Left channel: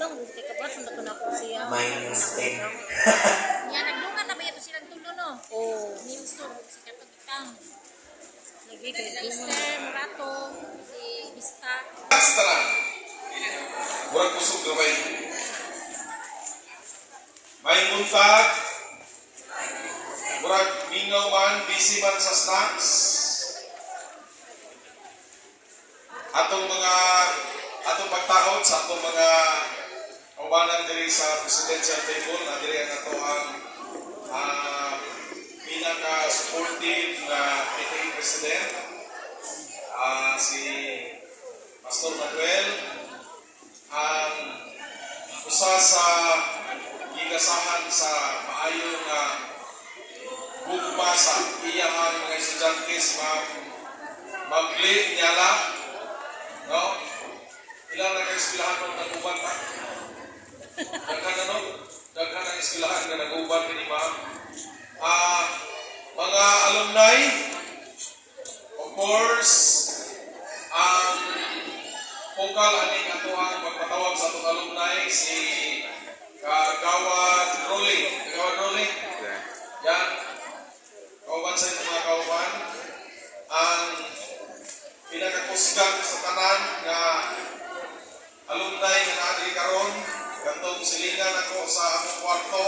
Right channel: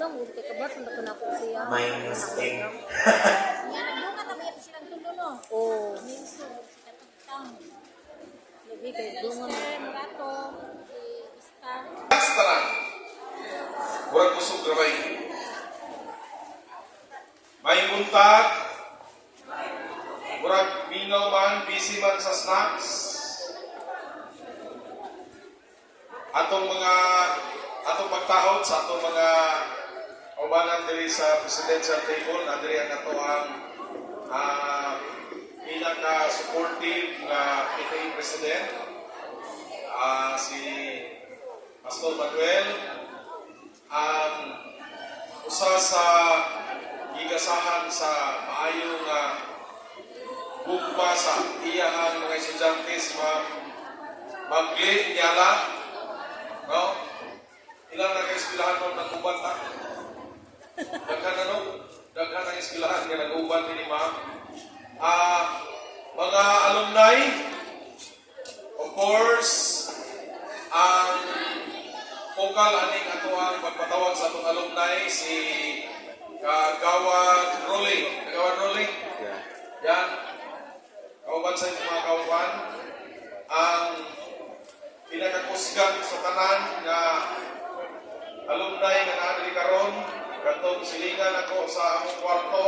dong, kay kabat na ko na ko siya. May news team. Nga nagdungan na ba ito silang tulo no? Oh, Names to si Kapitang. lagi kay Lester, Murato, si Vista. Basta lang. Murag kusog na bay. May buntag. Murag mingaw man, busy man sa snacks. Atong pagtaod sa atong mga kaubanan diri sa presidential table, na diri ang ato ang pinaka-supportive na PTA President, si Pastor Manuel, ang usa sa gigasahan sa maayong gugma sa iyahang mga estudyante, si Magli Nyala, no? Ilang nag-eskwelahan mo nag-uban ta? Daghan na, no? Daghan ang eskwelahan na nag-uban ni ma'am. Mga alumni, of course, ang focal aning ato ang magpatawag sa atong alumni, si Kagawad Rolling. Kagawad Rolling? Yan. Kauban sa inyo mga kauban. Ang pinakakusgan sa tanan na alumni na naadili karon, katong silingan ako sa among kwarto,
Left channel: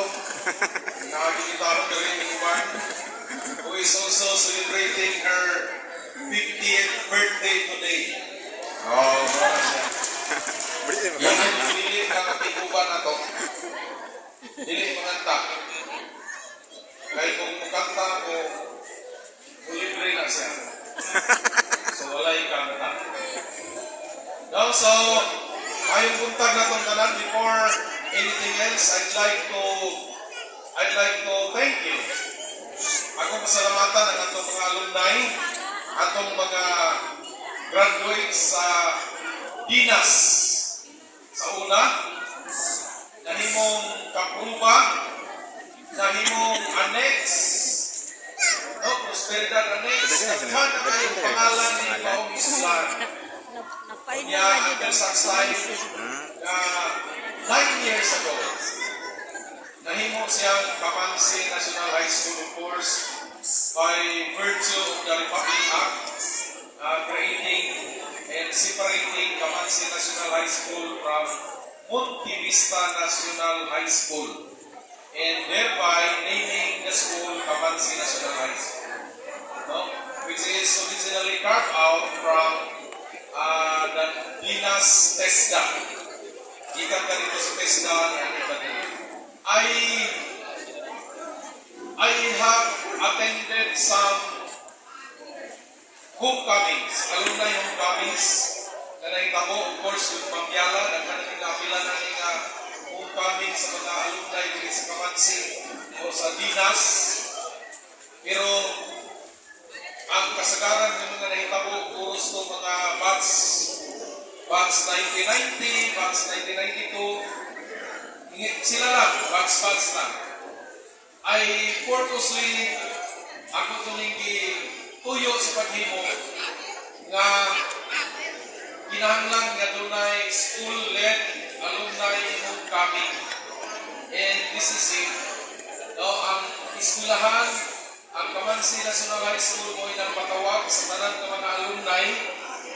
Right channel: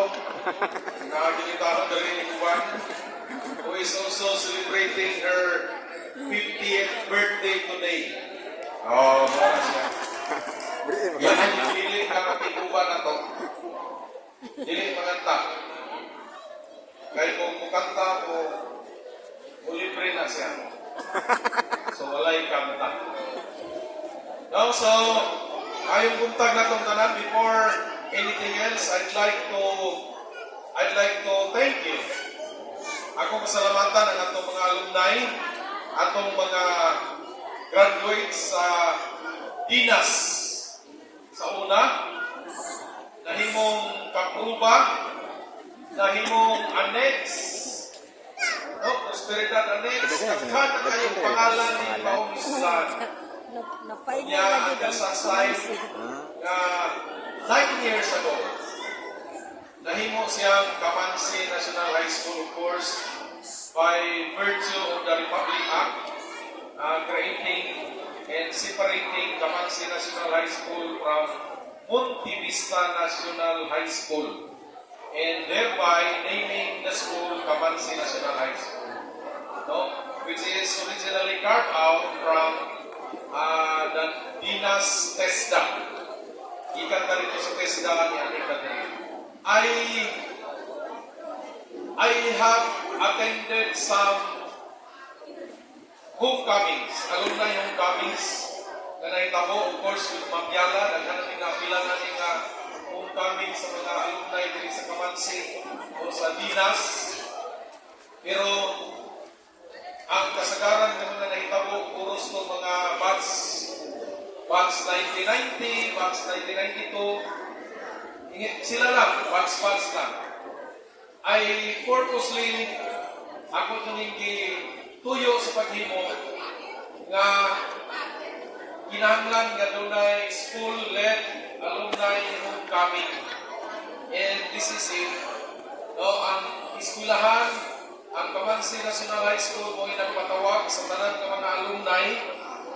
nakagilitahan ka rin ni Kuban, who is also celebrating her 50th birthday today. Oh, mara siya. Yan ang pinili na katikuban na to. Dili maganta. Kaya kung mukanta ko, libre na siya. So, walay kanta. No, so, ayong buntag na itong tanan, before anything else, I'd like to thank you. Ako pasalamatan ang atong mga alumni, atong mga graduates sa Dinas. Sa una, nahimong kapruba, nahimong annex, no, prosperidad annex, nagkan na kayong pangalan ni Baong Islam. na-find Kanya ang Jason's life 9 years ago. Nahimo siyang Kamansi National High School, of course, by virtue of the Republic Act, creating and separating Kamansi National High School from Monte Vista National High School, and thereby naming the school Kamansi National High School, no? Which is originally carved out from the Dinas TESDA. Ikan ka dito sa TESDA ni Anika din. I have attended some homecomings, alumni homecomings, na nahitabo, of course, with Mamyala, nagkanang pinapila na nga homecoming sa mga alumni dito sa Kamansi o sa Dinas. Pero ang kasagaran ng mga nahitabo, puros ng mga batch 1990, batch 1992, sila lang, batch lang. I purposely, ako tumingi tuyo sa paghimo nga kinahanglan nga dunay school-led alumni homecoming. And this is it. No, ang eskwelahan, ang Kamansi National High School mo nagpatawag sa tanan ng mga alumni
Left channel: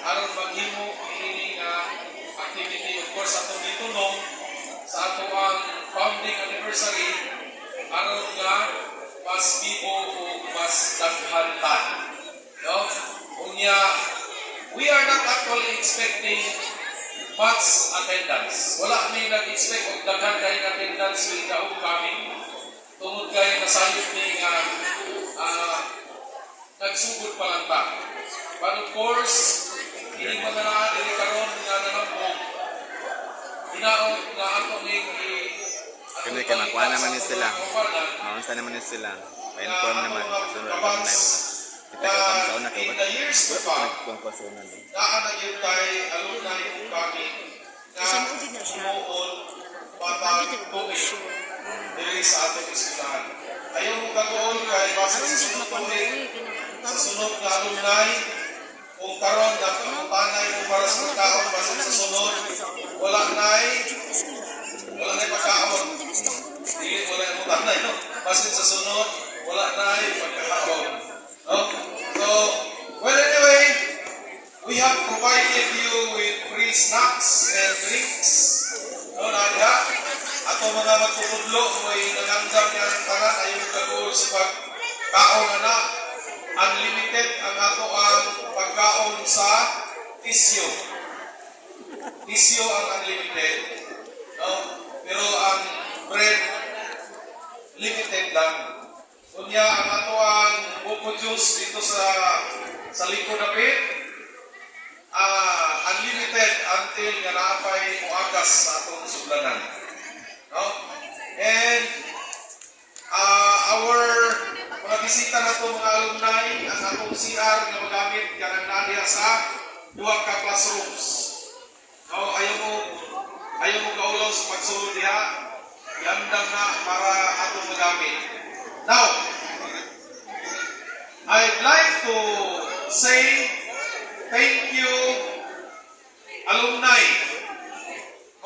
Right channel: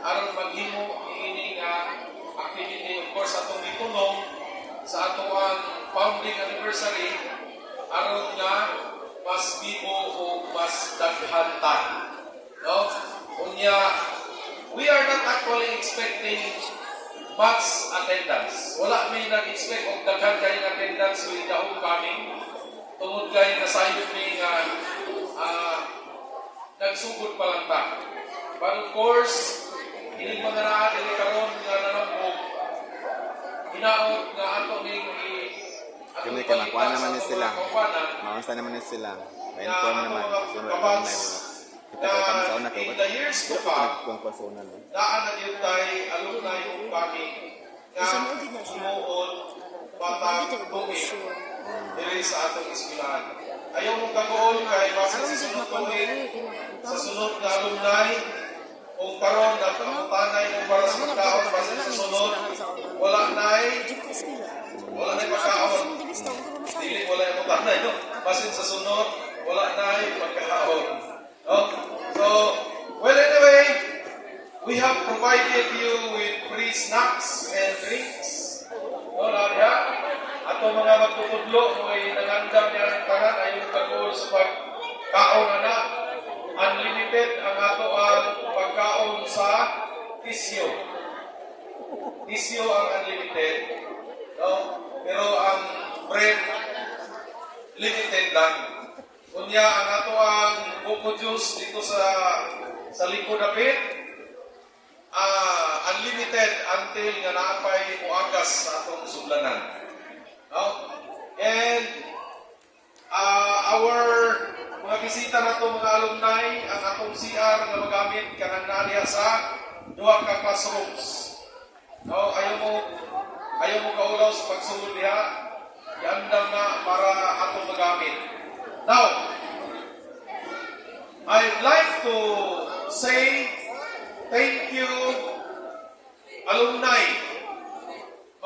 aron maghimo ini activity. Of course, atong gitulong sa ato ang founding anniversary aron nga mas bibo o mas daghan ta. No? Unya, we are not actually expecting much attendance. Wala may nag-expect og daghan kay attendance with the homecoming. Tungod kay nasayod ni nga nagsugod pa lang ta. But of course, hindi pa na dili karon nga nalambog. Hinaot nga ato ni kami kay makuha naman ni sila. Maunsa naman ni sila. Ma-inform naman kasunod lang na yo. Kita ka kami sa una kay in the years to come, kung kasunod no. daan yung kay alumni homecoming na sumuon patag tuig dili sa atong eskwelahan. Ayaw mo pag-uol kay base sa sunod tuig, sa sunod na alumni, kung karon nagkamutanay mo para sa pagkaon base sa sunod, wala na'y na no? Basin sa sunod, wala na ay pagkakaon. No? So, well anyway, we have provided you with free snacks and drinks. No, Nadia? Ato mga magtutudlo, may nangandam niya ng tanan, ayaw kagul sa pagkaon na unlimited ang ato ang pagkaon sa tisyo. Tisyo ang unlimited. No? Pero ang bread, limited lang. Kunya ang ato ang buko juice dito sa likod na pit, unlimited until nga naapay muagas sa atong sudlanan. No? And our mga bisita na to mga alumni, ang atong CR nga magamit kanang nariya sa duha ka classrooms. No? Ayaw mo kaulaw sa pagsulod diha, iandam na para atong magamit. Now, I'd like to say thank you, alumni,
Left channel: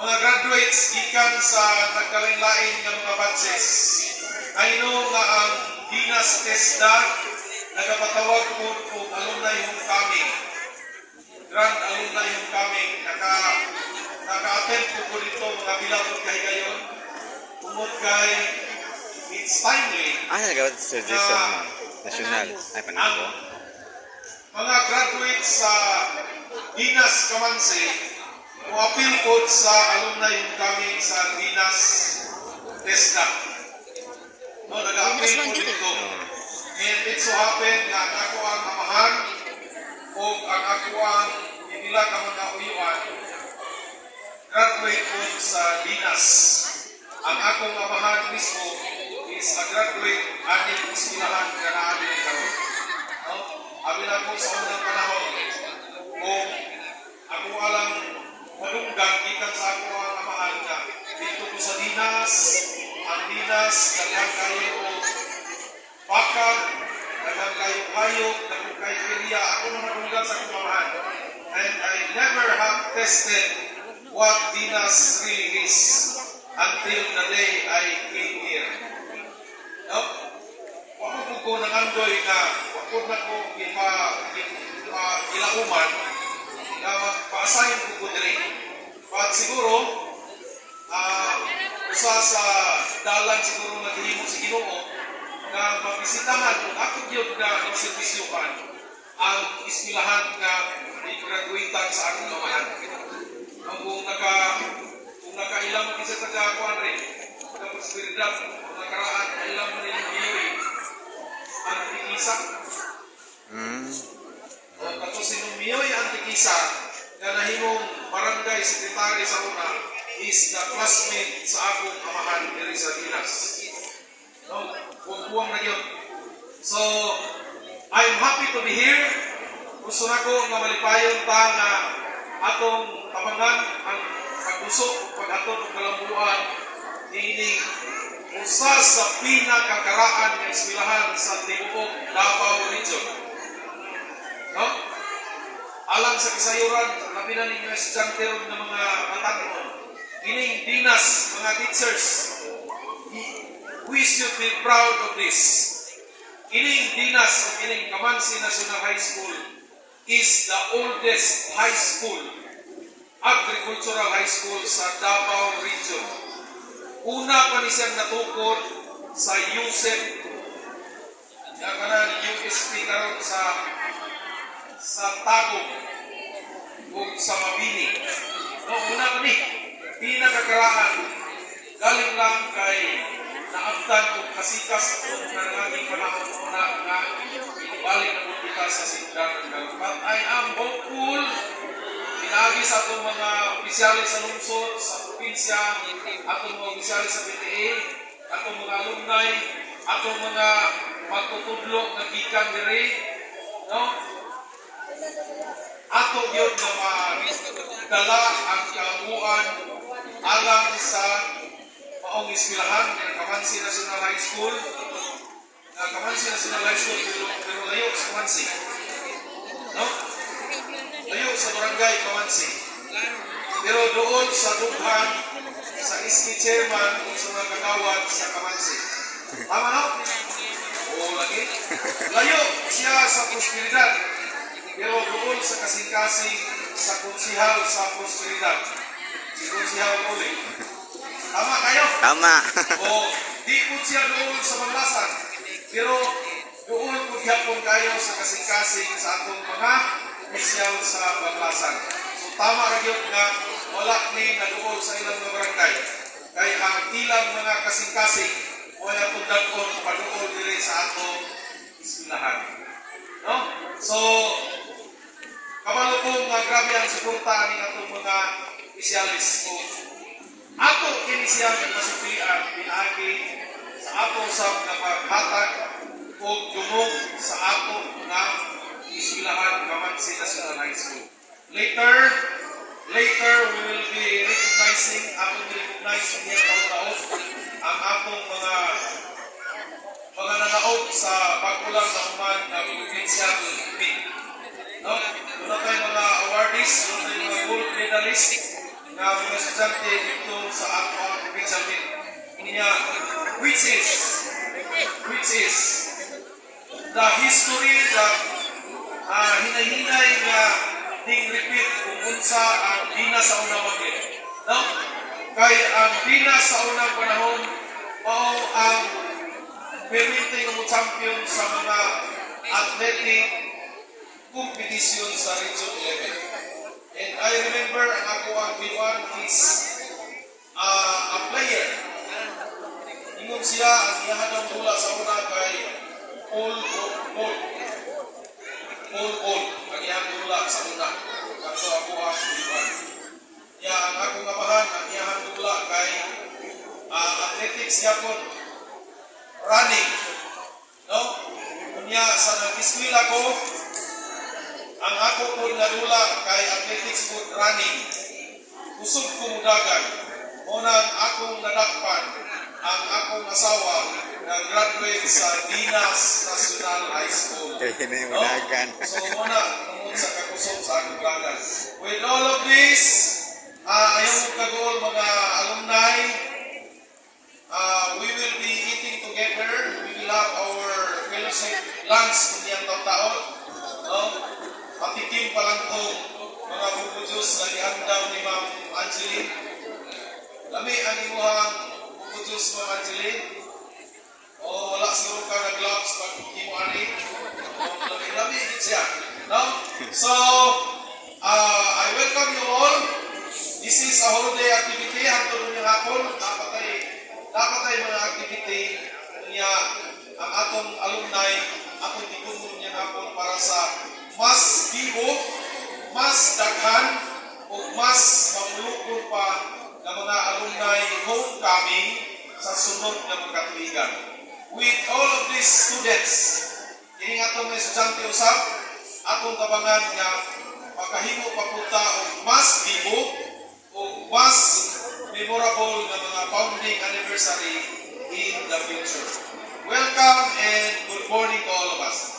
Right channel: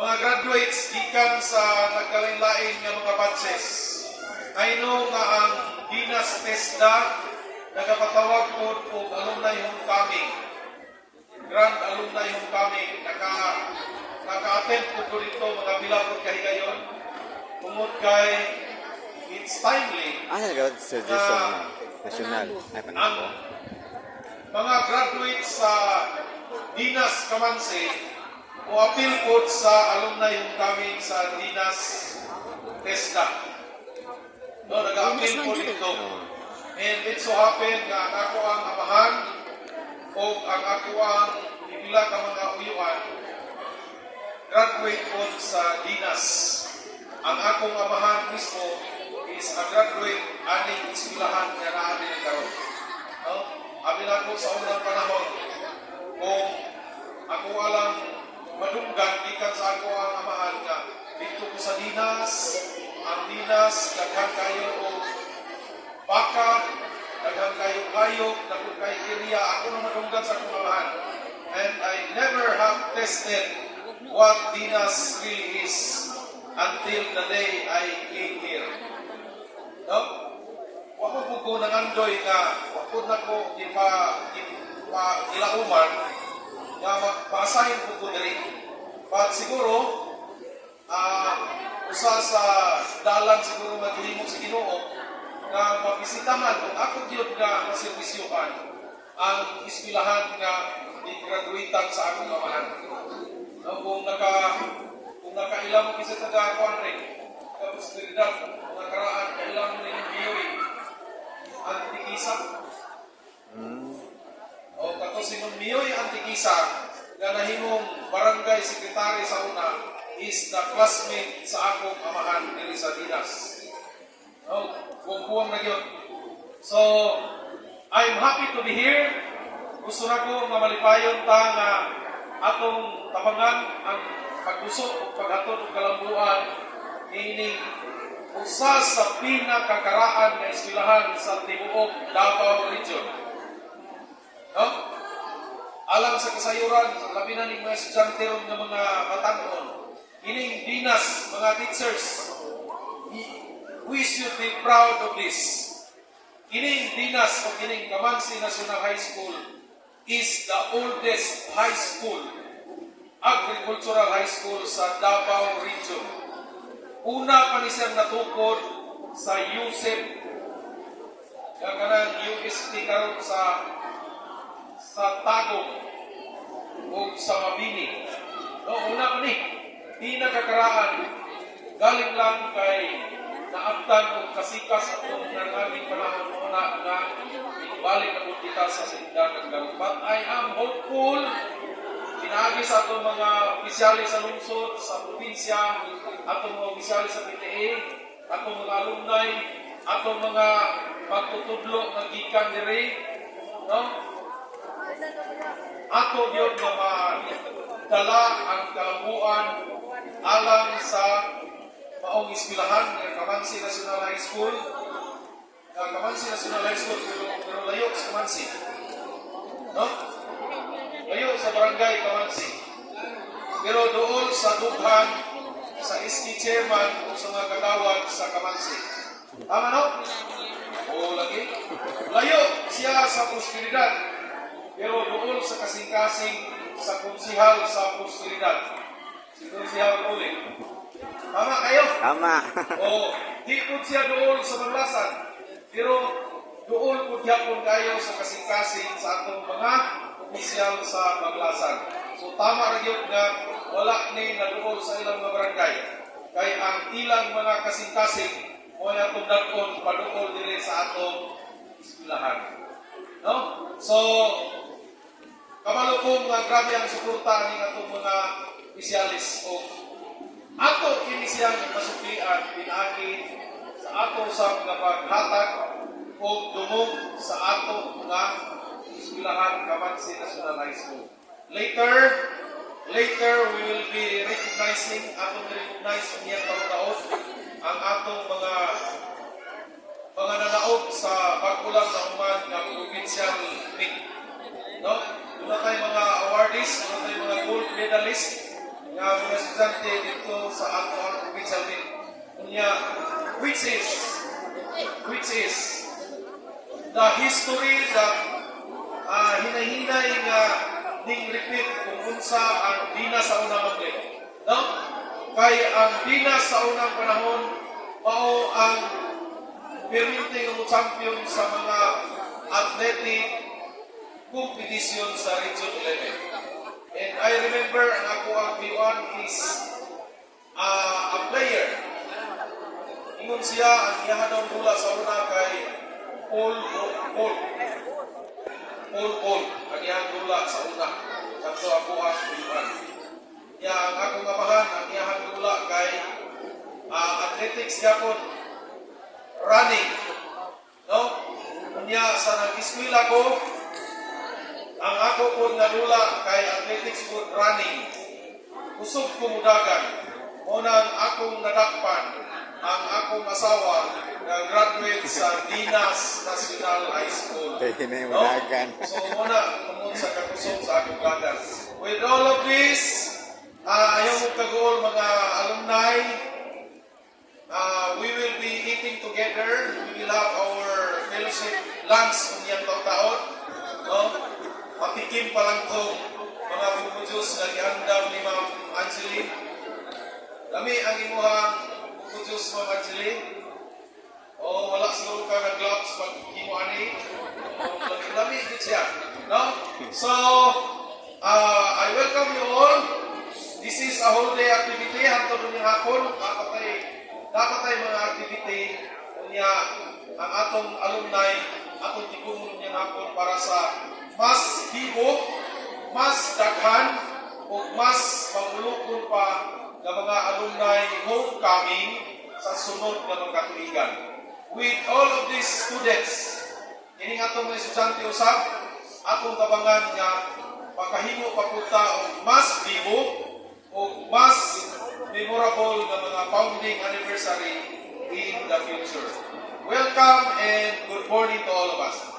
mga graduates gikan sa nagkalain-lain nga mga batches. I know nga ang Dinas TESDA nagapatawag po og alumni homecoming. Grand alumni homecoming. Naka-attend po dito mga bilabot kahigayon. Tungod kay it's timely. Nagawad sa Jason, national. Ay, paano po? Mga graduates sa Dinas Kamansi o appeal po sa alumni homecoming sa Dinas TESDA. No, nag-appeal po dito. And it so happen nga ako ang amahan o ang ako ang ibila ka mga uyuan graduate po sa Dinas. Ang akong amahan mismo is a graduate aning eskwelahan nga naami ng karon. No? Abi na po sa unang panahon kung ako alang madunggan gikan sa ako ang amahan nga dito ko sa Dinas, ang Dinas daghang kayo o baka, daghang kayo hayop, daghang kayo area, ako na madunggan sa akong amahan. And I never have tested what Dinas really is until the day I came here. No? Wako po ko nangandoy nga, wako na ko ilauman nga paasahin po ko diri. But siguro, usa sa dalan siguro naghihimo si Ginoo nga mabisitahan kung ako gyud nga maservisyohan ang eskwelahan nga i-graduatean sa akong amahan. Kung nakailam mo kasi taga-akuan rin, na prosperidad, nakaraan, kailam mo rin biyoy, ang tikisa. Tapos sinong biyoy ang tikisa, na nahimong barangay secretary sa una, is the classmate sa akong amahan diri sa Dinas. Buwang-buwang na yun. So, I'm happy to be here. Gusto na ko nga malipayon ta nga atong tabangan ang pag-usok, pag-atod ng kalambuan, ini usa sa pinakakaraan ng eskwelahan sa tibuok Davao Region. No? Alang sa kasayuran, labi na ninyo estudyante ng mga matanon, ining Dinas, mga teachers, we should be proud of this. Ining Dinas o ining Kamansi National High School is the oldest high school, agricultural high school sa Davao Region. Una pa ni siyang natukod sa USEP, yung UST karon sa Tagum o sa Mabini. No, una pa ni, pinakakaraan, galing lang kay naabtan o kasikas at nanganging panahon muna nga balik na po kita sa sindahan ng Garut. But I am hopeful, pinagi sa itong mga opisyalis sa lungsod, sa probinsya, atong mga opisyalis sa PTA, atong mga alumni, atong mga magtutudlo na gikan diri, no? Ato yun na madala ang kalambuan alang sa maong eskwelahan ng Kamansi National High School. Kamansi National High School, pero layo sa Kamansi. No? Layo sa barangay Kamansi. Pero doon sa dughan, sa SK chairman o sa mga kagawad sa Kamansi. Tama no? Oo, lagi. Layo siya sa prosperidad. Pero doon sa kasing-kasing sa konsihal sa prosperidad. Si konsihal ulit. Tama kayo? Tama. O, di po siya doon sa Banglasan. Pero doon po gyapon kayo sa kasing-kasing sa atong mga opisyal sa Banglasan. So tama ra gyud nga wala ni naduol sa ilang mga barangay. Kay ang ilang mga kasing-kasing o nga atong dag-on paduol diri sa atong eskwelahan. No? So kabalo ko nga grabe ang suporta ni atong mga opisyalis o ato kini siyang masuklian pinaagi sa ato sa paghatag o dumog sa ato nga eskwelahan Kamansi National High School. Later we will be recognizing niya taon-taon ang atong mga nanaog sa pagkulang na human ng provincial meet. No? Doon tayo mga awardees, doon tayo mga gold medalist na mga estudyante dito sa atong provincial meet. Which is the history that hinahinay nga ding repeat kung unsa ang Dina sa unang magli. No? Kay ang Dina sa unang panahon mao ang permitting mo champion sa mga athletic competition sa Region 11. And I remember ang ako ang B1 is a player. Ingon siya ang iyahadang dula sa una kay Paul. Ang iyahang dula sa una. Kanto ako ang B1. Ang akong amahan, ang iyahang dula kay athletics yapon. Running. No? Kunya sa nag-eskwela ko, ang ako po nadula kay athletics po running. Kusog ko mudagan. Unang akong nadakpan ang akong asawa na graduate sa Dinas National High School. Kaya na yung mudagan. So muna, namun sa kakusog sa akong dagan. With all of this, ayaw mo kagool mga alumni, we will be eating together. We will have our fellowship lunch kunyang taon. No? Patikim pa lang itong mga bubujos na gihandaw ni Ma'am Angeline. Lami ang imuhang bubujos, Ma'am Angeline. O wala siguro ka na gloves pag himuani. Lami din siya. No? So, I welcome you all. This is a whole day activity. Hantod ng hapon. Dapat ay mga activity niya ang atong alumni, atong tikungon niya hapon para sa mas bibo, mas daghan, o mas mamulukon pa ng mga alumni homecoming sa sunod na mga katuigan. With all of these students, kining atong mga estudyante usab, atong tabangan nga pagkahimo papunta o mas bibo o mas memorable na mga founding anniversary in the future. Welcome and good morning to all of us.